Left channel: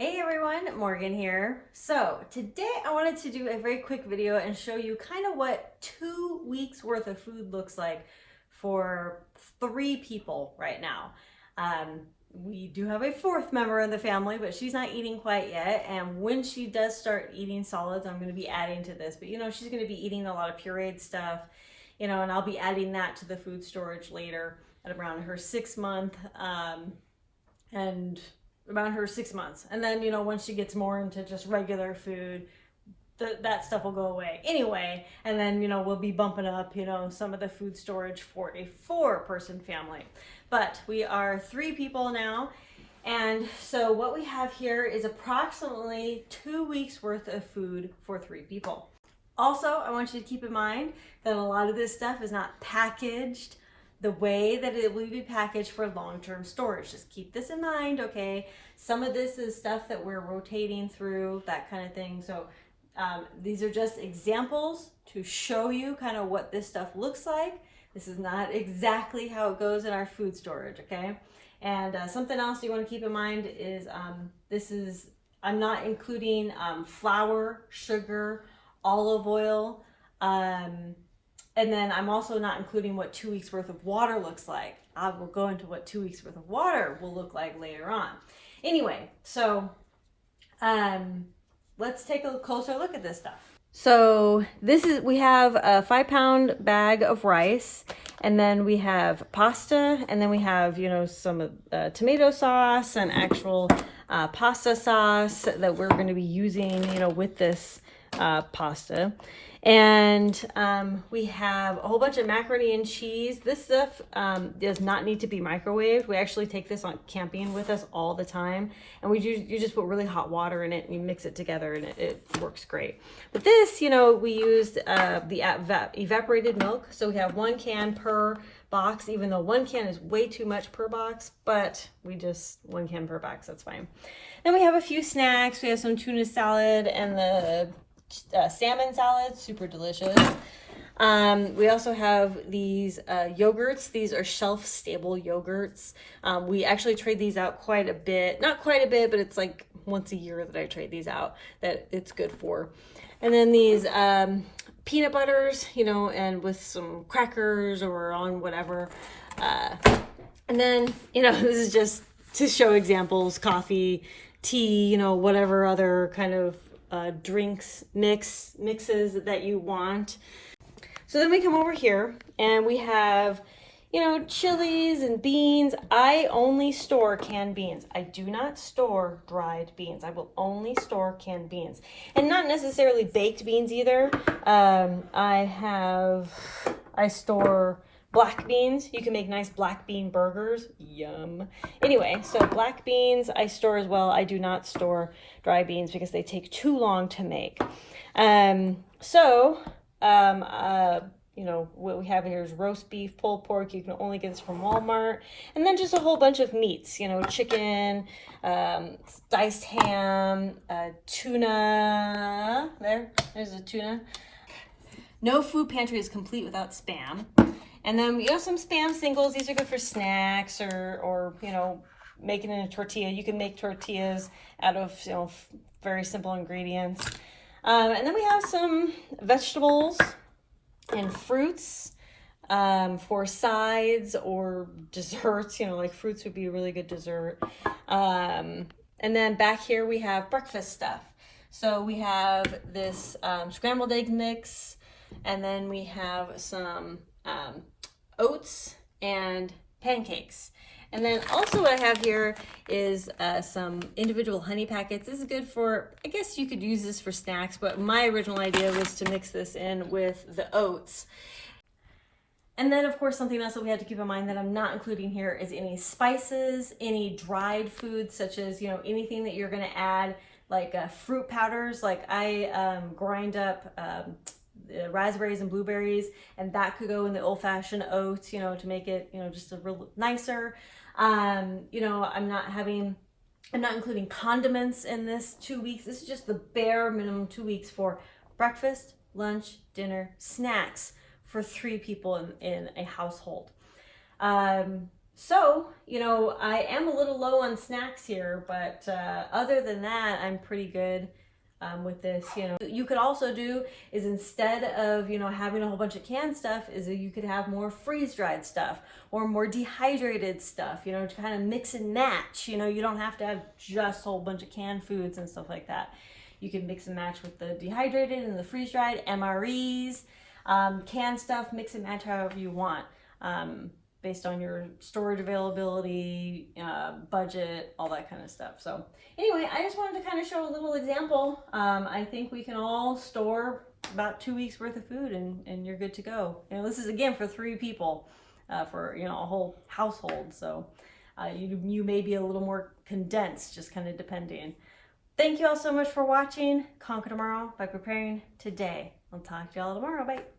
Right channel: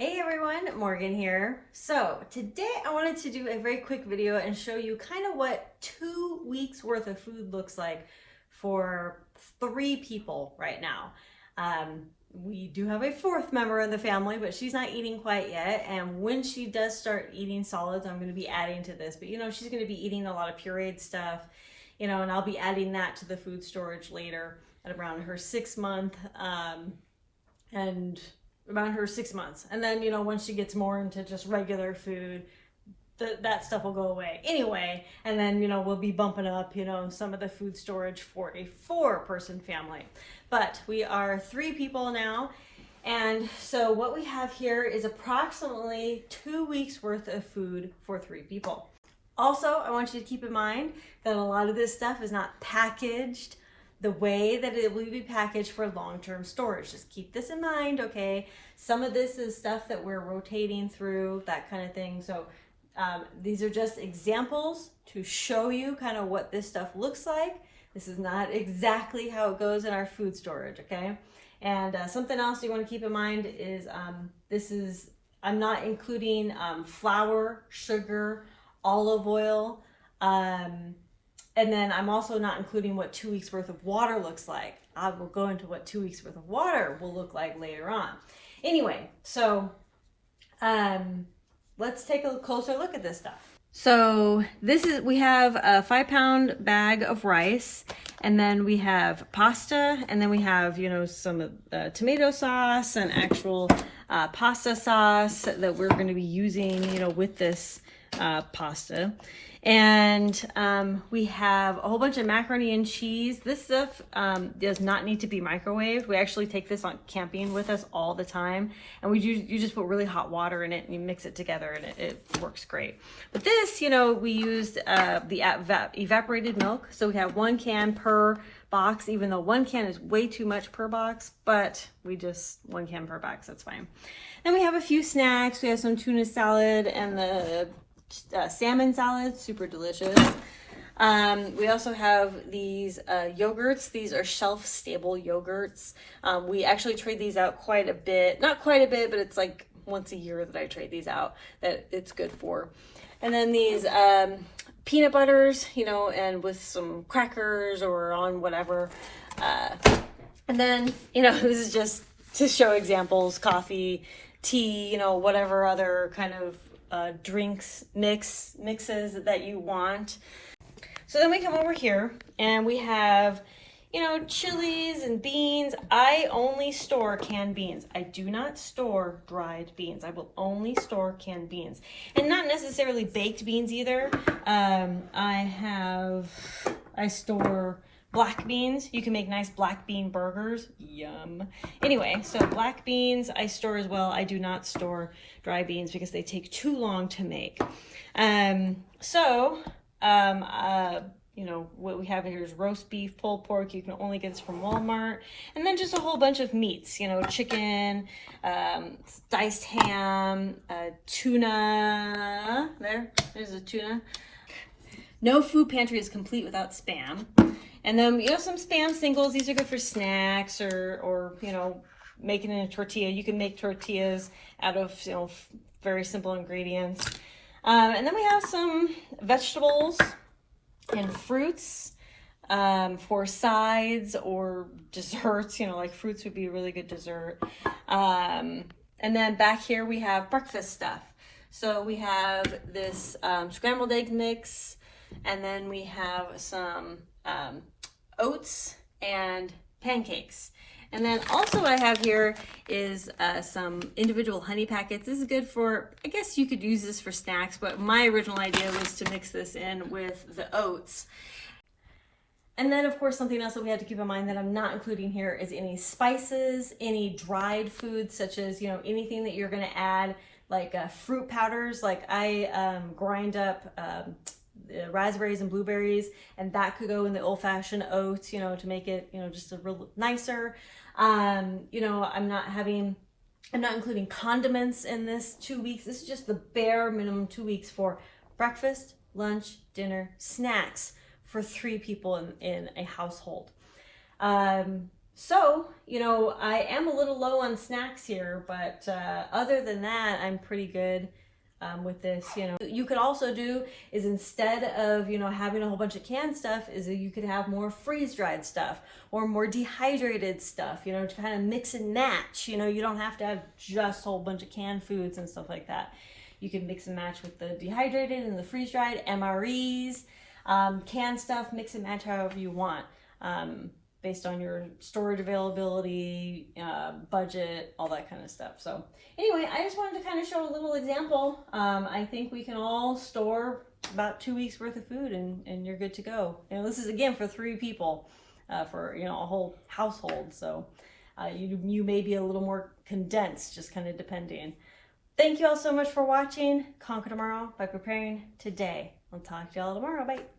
Hey everyone, Morgan here. So today I wanted to do a very quick video and show you kind of what 2 weeks worth of food looks like for 3 people right now. We do have a 4th member in the family, but she's not eating quite yet. And when she does start eating solids, I'm going to be adding to this. But she's going to be eating a lot of pureed stuff, and I'll be adding that to the food storage later at around her 6 month. And around her 6 months. And then, once she gets more into just regular food, that stuff will go away anyway. And then, we'll be bumping up, some of the food storage for a 4-person family. But we are 3 people now. And so what we have here is approximately 2 weeks worth of food for 3 people. Also, I want you to keep in mind that a lot of this stuff is not packaged the way that it will be packaged for long-term storage. Just keep this in mind, okay? Some of this is stuff that we're rotating through, that kind of thing. So these are just examples to show you kind of what this stuff looks like. This is not exactly how it goes in our food storage, okay? And something else you want to keep in mind is I'm not including flour, sugar, olive oil, and then I'm also not including what 2 weeks worth of water looks like. I will go into what 2 weeks worth of water will look like later on. Anyway, so let's take a closer look at this stuff. So we have a 5-pound bag of rice, and then we have pasta, and then we have, some tomato sauce and actual pasta sauce that we're going to be using, with this pasta. And we have a whole bunch of macaroni and cheese. This stuff does not need to be microwaved. We actually take this on camping with us all the time, and you just put really hot water in it and you mix it together, and it works great. But this, we used the evaporated milk. So we have 1 can per box, even though 1 can is way too much per box, but 1 can per box, that's fine. Then we have a few snacks. We have some tuna salad and the salmon salad, super delicious. We also have these yogurts. These are shelf-stable yogurts. We actually trade these out quite a bit. Not quite a bit, but it's like once a year that I trade these out, that it's good for. And then these peanut butters, and with some crackers or on whatever. And then, this is just to show examples, coffee, tea, whatever other kind of drinks mixes that you want. So then we come over here and we have chilies and beans. I only store canned beans. I do not store dried beans. I will only store canned beans, and not necessarily baked beans either. I store black beans. You can make nice black bean burgers. Yum. Anyway, so black beans I store as well. I do not store dry beans because they take too long to make. What we have here is roast beef, pulled pork. You can only get this from Walmart. And then just a whole bunch of meats, chicken, diced ham, tuna. There's a tuna. No food pantry is complete without Spam. And then some Spam singles. These are good for snacks or making in a tortilla. You can make tortillas out of very simple ingredients. And then we have some vegetables and fruits for sides or desserts. Like fruits would be a really good dessert. And then back here we have breakfast stuff. So we have this scrambled egg mix, and then we have some oats and pancakes. And then also what I have here is some individual honey packets. This is good for, I guess you could use this for snacks, but my original idea was to mix this in with the oats. And then of course something else that we have to keep in mind that I'm not including here is any spices, any dried foods, such as anything that you're going to add, like fruit powders. Like I grind up raspberries and blueberries, and that could go in the old-fashioned oats, to make it, just a real nicer. I'm not including condiments in this 2 weeks. This is just the bare minimum 2 weeks for breakfast, lunch, dinner, snacks for 3 people in a household. So, you know, I am a little low on snacks here, but other than that, I'm pretty good with this. You know, you could also do is instead of, you know, having a whole bunch of canned stuff, is that you could have more freeze-dried stuff or more dehydrated stuff, you know, to kind of mix and match. You know, you don't have to have just a whole bunch of canned foods and stuff like that. You can mix and match with the dehydrated and the freeze-dried, MREs, canned stuff, mix and match however you want. Based on your storage availability, budget, all that kind of stuff. So anyway, I just wanted to kind of show a little example. I think we can all store about 2 weeks worth of food and you're good to go. You know, this is again for 3 people, for, you know, a whole household. So you may be a little more condensed, just kind of depending. Thank you all so much for watching. Conquer tomorrow by preparing today. I'll talk to y'all tomorrow. Bye.